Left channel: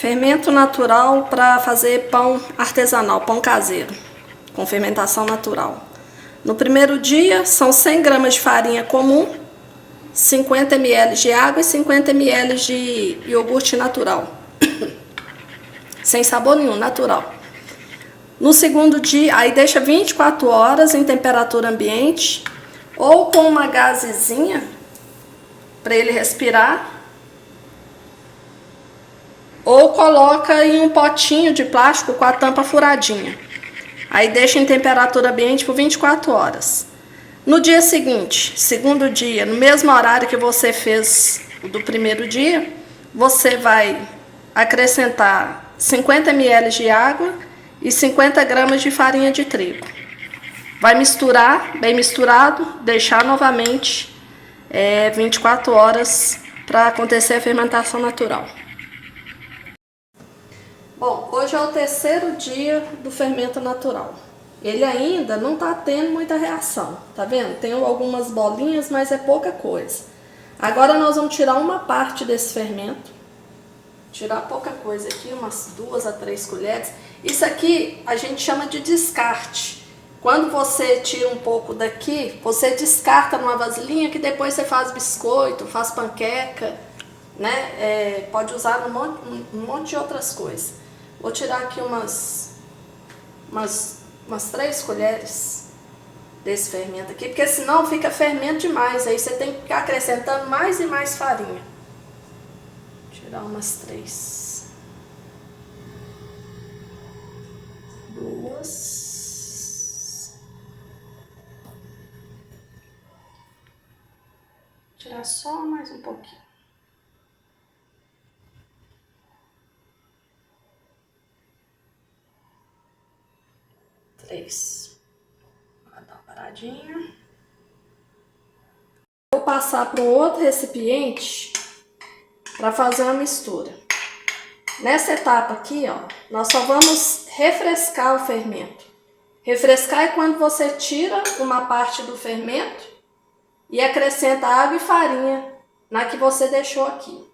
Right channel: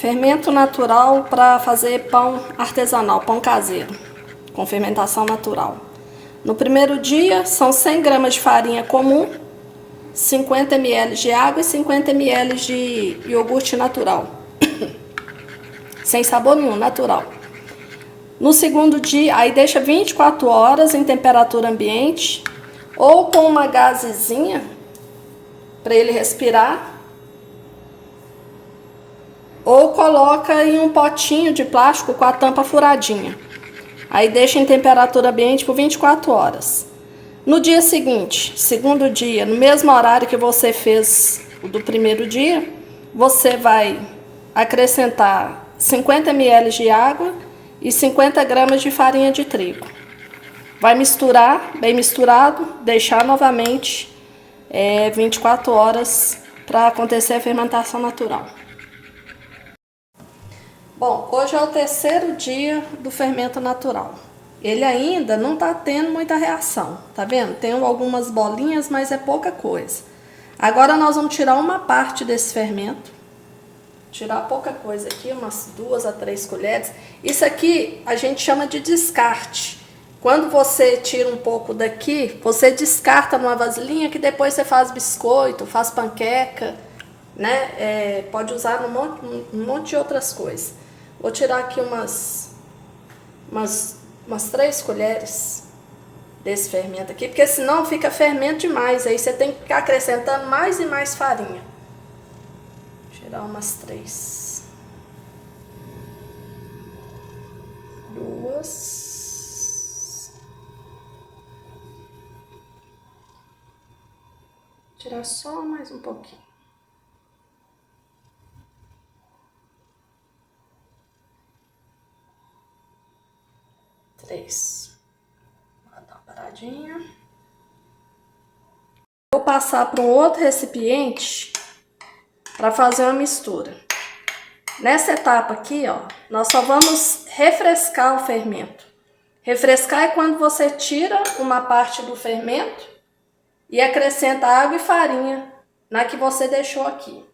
Fermento natural para fazer pão artesanal, pão caseiro, com fermentação natural. No primeiro dia, são 100 gramas de farinha comum, 50 ml de água e 50 ml de iogurte natural. Sem sabor nenhum, natural. No segundo dia, aí deixa 24 horas em temperatura ambiente, ou com uma gazezinha, para ele respirar, ou coloca em um potinho de plástico com a tampa furadinha. Aí deixa em temperatura ambiente por 24 horas. No dia seguinte, segundo dia, no mesmo horário que você fez o do primeiro dia, você vai acrescentar 50 ml de água e 50 gramas de farinha de trigo. Vai misturar, bem misturado, deixar novamente 24 horas para acontecer a fermentação natural. Bom, hoje é o terceiro dia do fermento natural. Ele ainda não está tendo muita reação, tá vendo? Tem algumas bolinhas, mas é pouca coisa. Agora nós vamos tirar uma parte desse fermento. Tirar pouca coisa aqui, umas 2 a 3 colheres. Isso aqui a gente chama de descarte. Quando você tira um pouco daqui, você descarta numa vasilhinha que depois você faz biscoito, faz panqueca, né? Pode usar um monte de outras coisas. Vou tirar aqui umas 3 colheres desse fermento aqui, porque senão fica fermento demais. Aí você tem que ficar acrescentando mais e mais farinha. Vou tirar umas 3. 2. Tirar só mais um pouquinho. 3. Vai dar uma paradinha. Vou passar para um outro recipiente para fazer uma mistura. Nessa etapa aqui, ó, nós só vamos refrescar o fermento. Refrescar é quando você tira uma parte do fermento e acrescenta água e farinha na que você deixou aqui.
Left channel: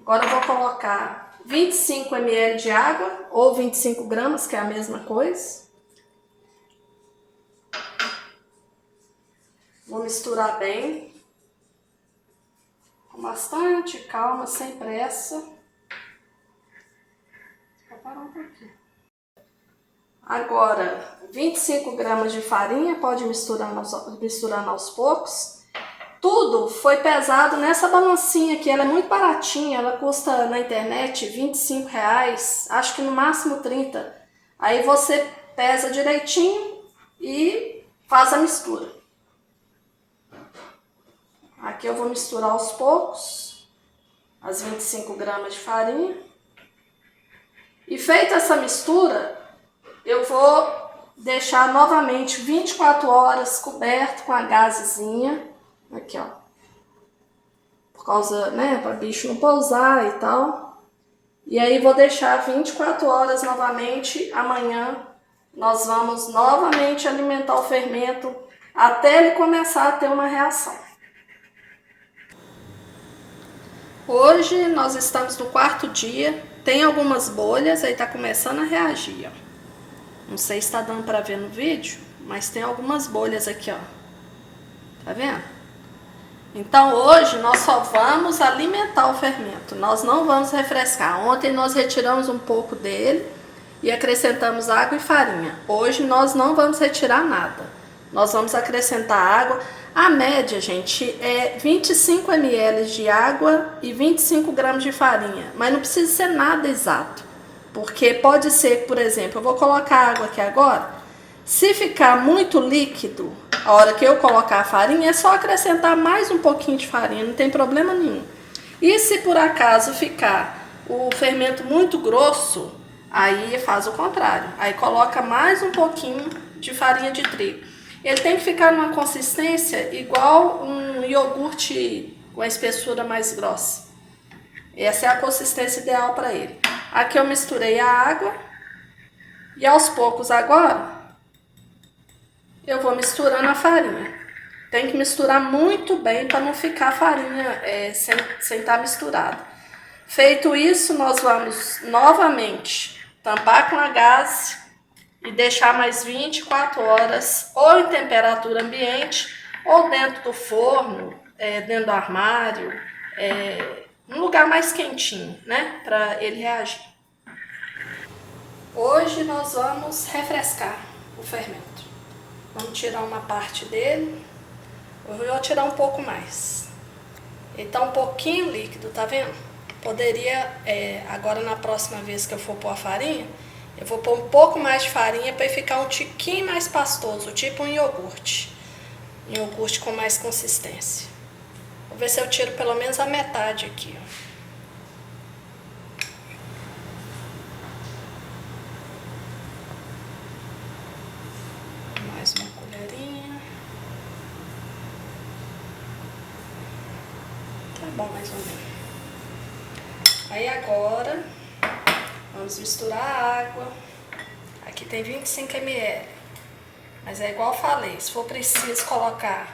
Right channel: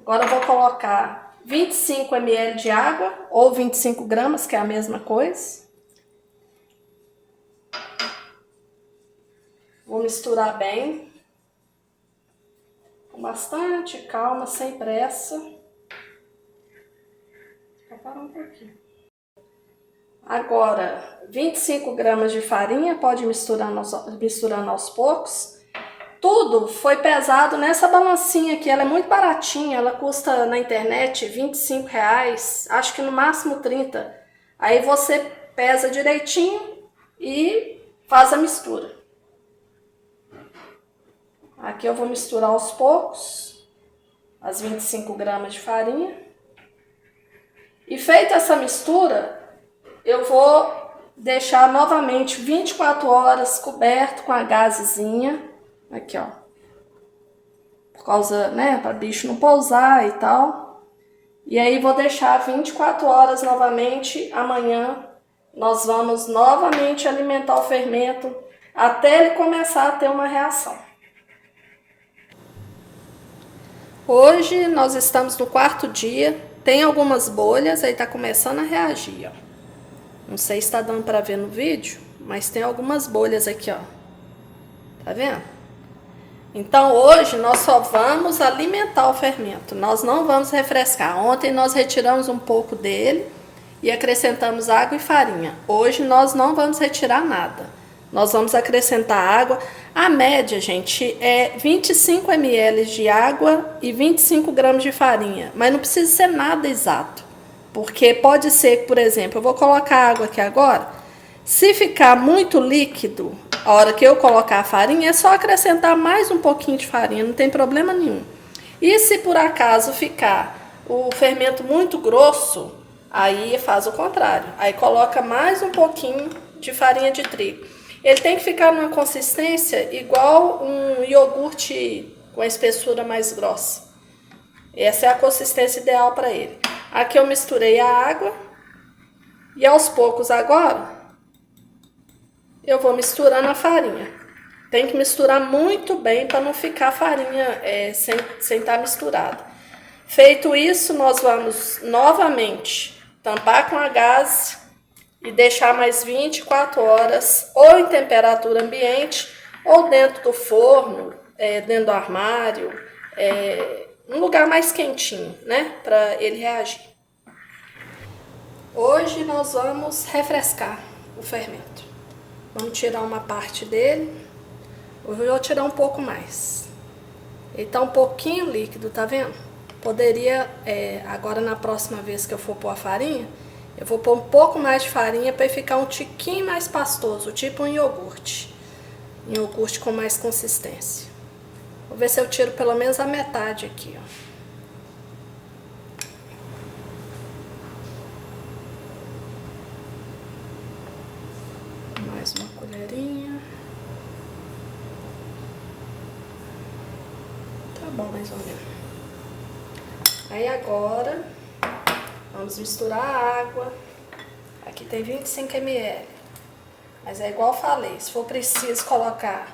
Agora eu vou colocar 25 ml de água ou 25 gramas, que é a mesma coisa. Vou misturar bem, com bastante calma, sem pressa. Vou parar um pouquinho. Agora, 25 gramas de farinha, pode misturando aos poucos. Tudo foi pesado nessa balancinha aqui, ela é muito baratinha, ela custa na internet R$25, acho que no máximo 30. Aí você pesa direitinho e faz a mistura. Aqui eu vou misturar aos poucos as 25 gramas de farinha. E feita essa mistura, eu vou deixar novamente 24 horas coberto com a gazezinha. Aqui, ó. Por causa, né, para bicho não pousar e tal. E aí vou deixar 24 horas novamente. Amanhã nós vamos novamente alimentar o fermento até ele começar a ter uma reação. Hoje nós estamos no 4º dia, tem algumas bolhas, aí tá começando a reagir, ó. Não sei se tá dando para ver no vídeo, mas tem algumas bolhas aqui, ó. Tá vendo? Então hoje nós só vamos alimentar o fermento, nós não vamos refrescar. Ontem nós retiramos um pouco dele e acrescentamos água e farinha. Hoje nós não vamos retirar nada, nós vamos acrescentar água. A média, gente, é 25 ml de água e 25 gramas de farinha. Mas não precisa ser nada exato. Porque pode ser, por exemplo, eu vou colocar água aqui agora. Se ficar muito líquido, a hora que eu colocar a farinha, é só acrescentar mais um pouquinho de farinha, não tem problema nenhum. E se por acaso ficar o fermento muito grosso, aí faz o contrário. Aí coloca mais um pouquinho de farinha de trigo. Ele tem que ficar numa consistência igual um iogurte com a espessura mais grossa. Essa é a consistência ideal para ele. Aqui eu misturei a água e aos poucos agora eu vou misturando a farinha. Tem que misturar muito bem para não ficar a farinha sem estar misturada. Feito isso, nós vamos novamente tampar com a gaze e deixar mais 24 horas ou em temperatura ambiente ou dentro do forno, dentro do armário, um lugar mais quentinho, né, para ele reagir. Hoje nós vamos refrescar o fermento. Vamos tirar uma parte dele. Eu vou tirar um pouco mais. Ele tá um pouquinho líquido, tá vendo? Poderia, agora na próxima vez que eu for pôr a farinha, eu vou pôr um pouco mais de farinha para ele ficar um tiquinho mais pastoso, tipo um iogurte. Um iogurte com mais consistência. Vou ver se eu tiro pelo menos a metade aqui, ó. Mais uma colherinha. Tá bom, mais ou menos. Aí agora, vamos misturar a água. Aqui tem 25 ml. Mas é igual eu falei, se for preciso colocar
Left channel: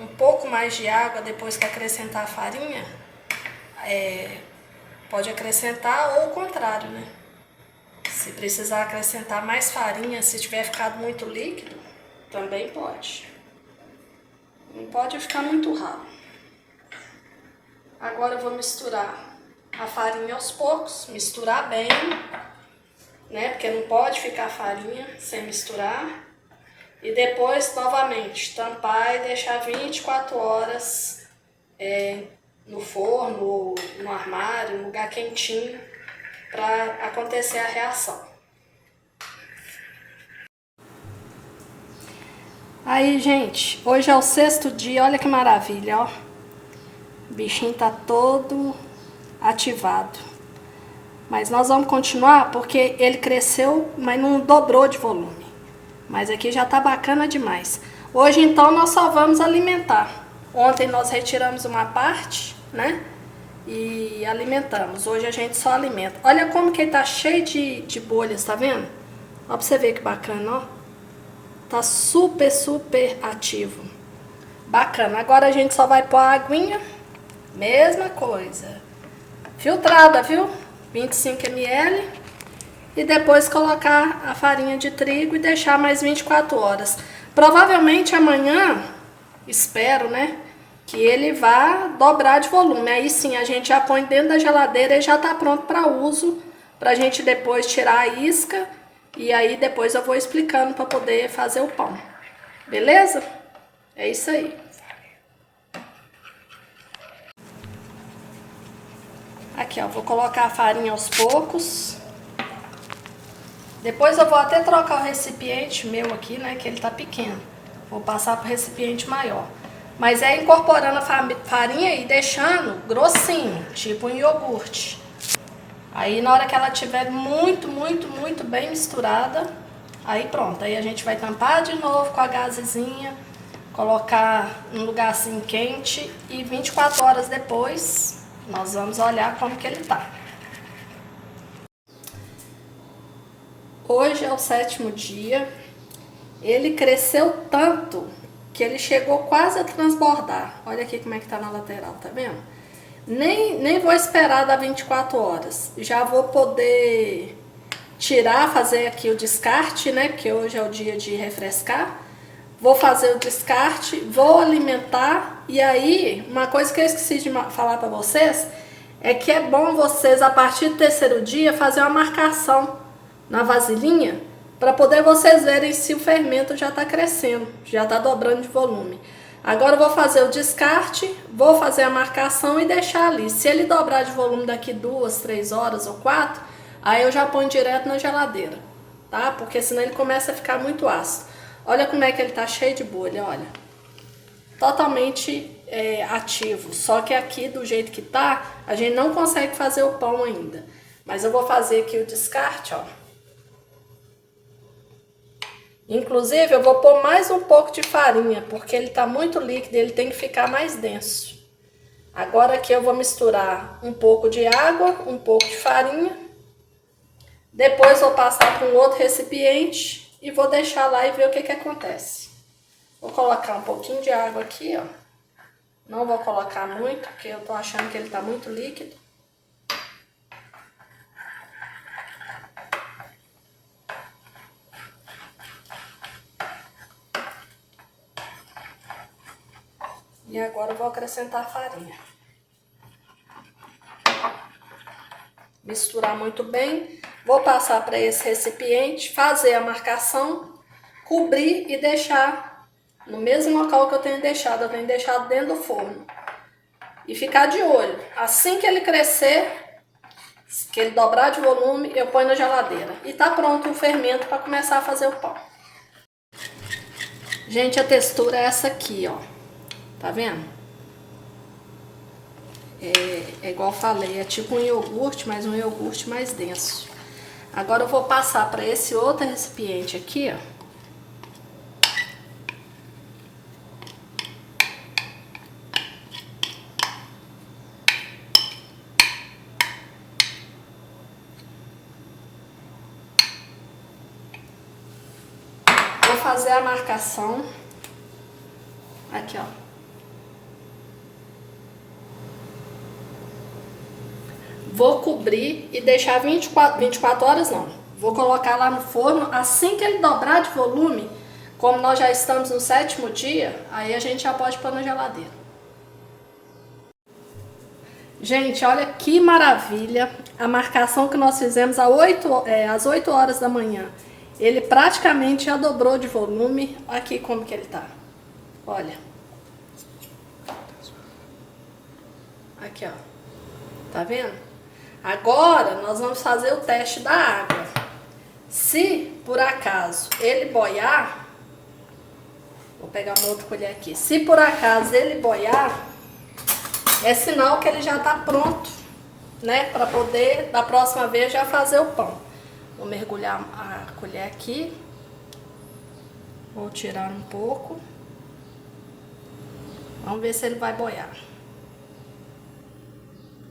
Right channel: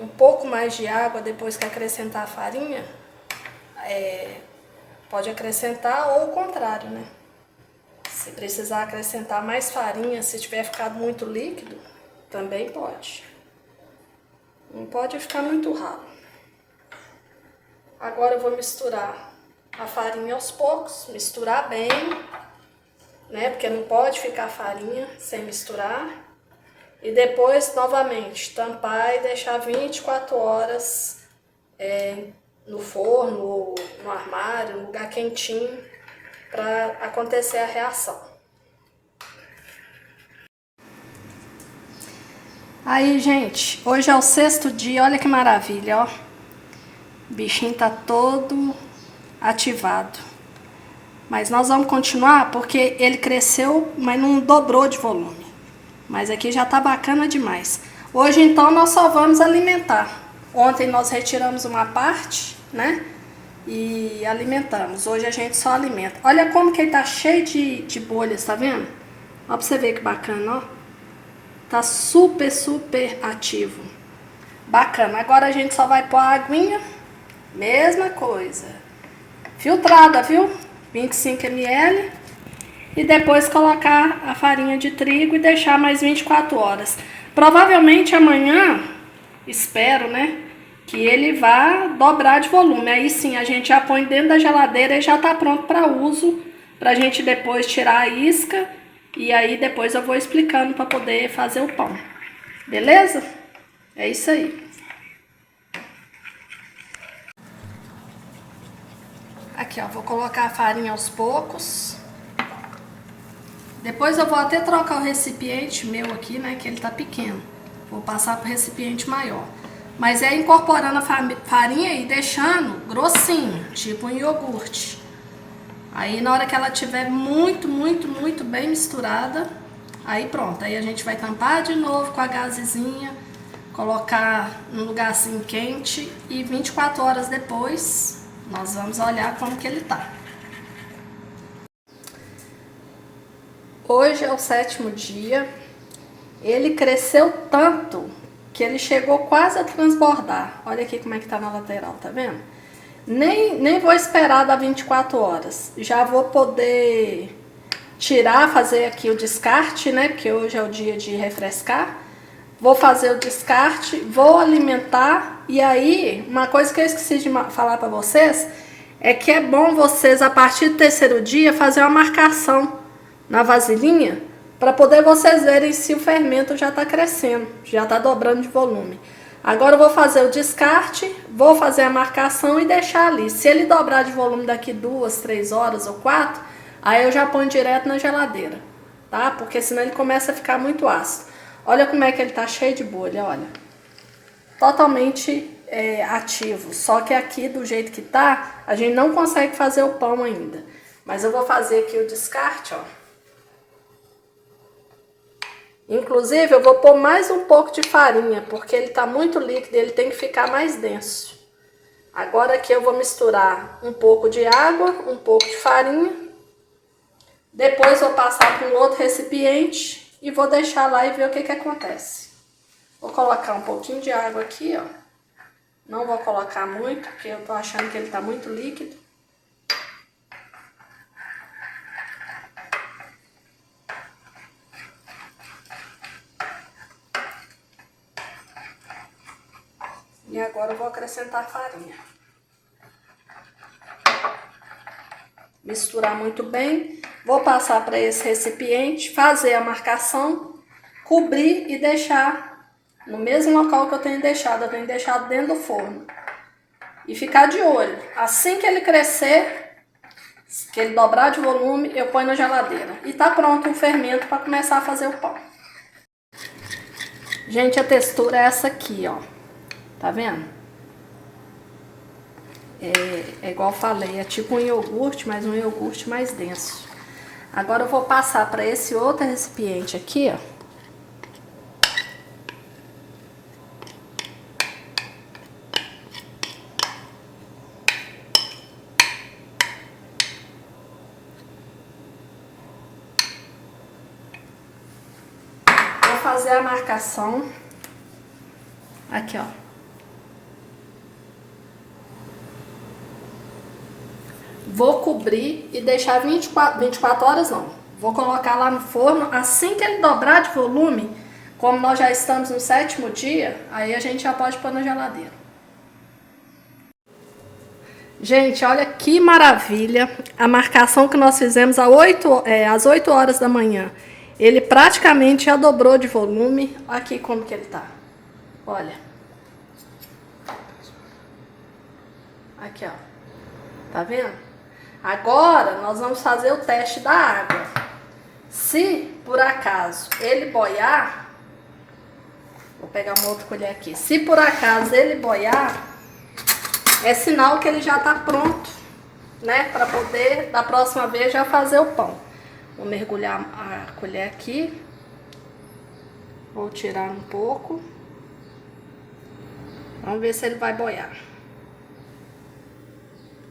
um pouco mais de água depois que acrescentar a farinha, pode acrescentar ou o contrário, né? Se precisar acrescentar mais farinha, se tiver ficado muito líquido, também pode. Não pode ficar muito ralo. Agora eu vou misturar a farinha aos poucos, misturar bem, né? Porque não pode ficar farinha sem misturar. E depois, novamente, tampar e deixar 24 horas no forno ou no armário, um lugar quentinho, para acontecer a reação. Aí, gente, hoje é o 6º dia, olha que maravilha, ó. O bichinho tá todo ativado. Mas nós vamos continuar porque ele cresceu, mas não dobrou de volume. Mas aqui já tá bacana demais. Hoje, então, nós só vamos alimentar. Ontem nós retiramos uma parte, né? E alimentamos. Hoje a gente só alimenta. Olha como que ele tá cheio de bolhas, tá vendo? Ó, pra você ver que bacana, ó. Tá super, super ativo. Bacana. Agora a gente só vai pôr a aguinha. Mesma coisa. Filtrada, viu? 25 ml. E depois colocar a farinha de trigo e deixar mais 24 horas. Provavelmente amanhã, espero, né, que ele vá dobrar de volume. Aí sim, a gente já põe dentro da geladeira e já tá pronto para uso, pra gente depois tirar a isca. E aí depois eu vou explicando para poder fazer o pão. Beleza? É isso aí. Aqui, ó, vou colocar a farinha aos poucos. Depois eu vou até trocar o recipiente meu aqui, né, que ele tá pequeno. Vou passar pro recipiente maior. Mas é incorporando a farinha e deixando grossinho, tipo um iogurte. Aí na hora que ela tiver muito, muito, muito bem misturada, aí pronto. Aí a gente vai tampar de novo com a gazezinha, colocar num lugar assim quente e 24 horas depois nós vamos olhar como que ele tá. Hoje é o 7º dia. Ele cresceu tanto que ele chegou quase a transbordar. Olha aqui como é que tá na lateral, tá vendo? Nem vou esperar dar 24 horas. Já vou poder tirar, fazer aqui o descarte, né? Porque hoje é o dia de refrescar. Vou fazer o descarte, vou alimentar. E aí, uma coisa que eu esqueci de falar para vocês é que é bom vocês, a partir do 3º dia, fazer uma marcação na vasilhinha para poder vocês verem se o fermento já está crescendo, já está dobrando de volume. Agora eu vou fazer o descarte, vou fazer a marcação e deixar ali. Se ele dobrar de volume daqui 2, 3 horas ou 4, aí eu já ponho direto na geladeira, tá? Porque senão ele começa a ficar muito ácido. Olha como é que ele tá cheio de bolha, olha. Totalmente ativo. Só que aqui, do jeito que tá, a gente não consegue fazer o pão ainda. Mas eu vou fazer aqui o descarte, ó. Inclusive, eu vou pôr mais um pouco de farinha, porque ele tá muito líquido e ele tem que ficar mais denso. Agora aqui eu vou misturar um pouco de água, um pouco de farinha. Depois vou passar para um outro recipiente e vou deixar lá e ver o que que acontece. Vou colocar um pouquinho de água aqui, ó. Não vou colocar muito, porque eu tô achando que ele tá muito líquido. E agora eu vou acrescentar a farinha. Misturar muito bem. Vou passar para esse recipiente, fazer a marcação, cobrir e deixar no mesmo local que eu tenho deixado. Eu tenho deixado dentro do forno. E ficar de olho. Assim que ele crescer, que ele dobrar de volume, eu ponho na geladeira. E tá pronto o fermento para começar a fazer o pão. Gente, a textura é essa aqui, ó. Tá vendo? É igual eu falei, é tipo um iogurte, mas um iogurte mais denso. Agora eu vou passar para esse outro recipiente aqui, ó. Vou fazer a marcação. Aqui, ó. Vou cobrir e deixar 24 horas não. Vou colocar lá no forno. Assim que ele dobrar de volume, como nós já estamos no 7º dia, aí a gente já pode pôr na geladeira. Gente, olha que maravilha. A marcação que nós fizemos às 8 horas da manhã. Ele praticamente já dobrou de volume. Olha aqui como que ele tá. Olha. Aqui, ó. Tá vendo? Agora nós vamos fazer o teste da água. Se por acaso ele boiar, vou pegar uma outra colher aqui. Se por acaso ele boiar, é sinal que ele já tá pronto, né? Para poder da próxima vez já fazer o pão. Vou mergulhar a colher aqui. Vou tirar um pouco. Vamos ver se ele vai boiar.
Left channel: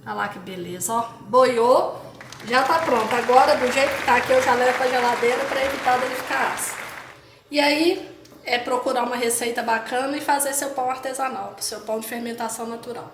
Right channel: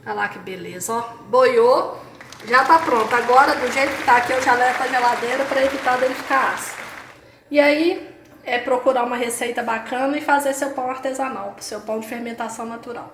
Olha lá que beleza, ó. Boiou, já tá pronto. Agora, do jeito que tá aqui, eu já levo pra geladeira para evitar dele ficar ácido. E aí, é procurar uma receita bacana e fazer seu pão artesanal, seu pão de fermentação natural.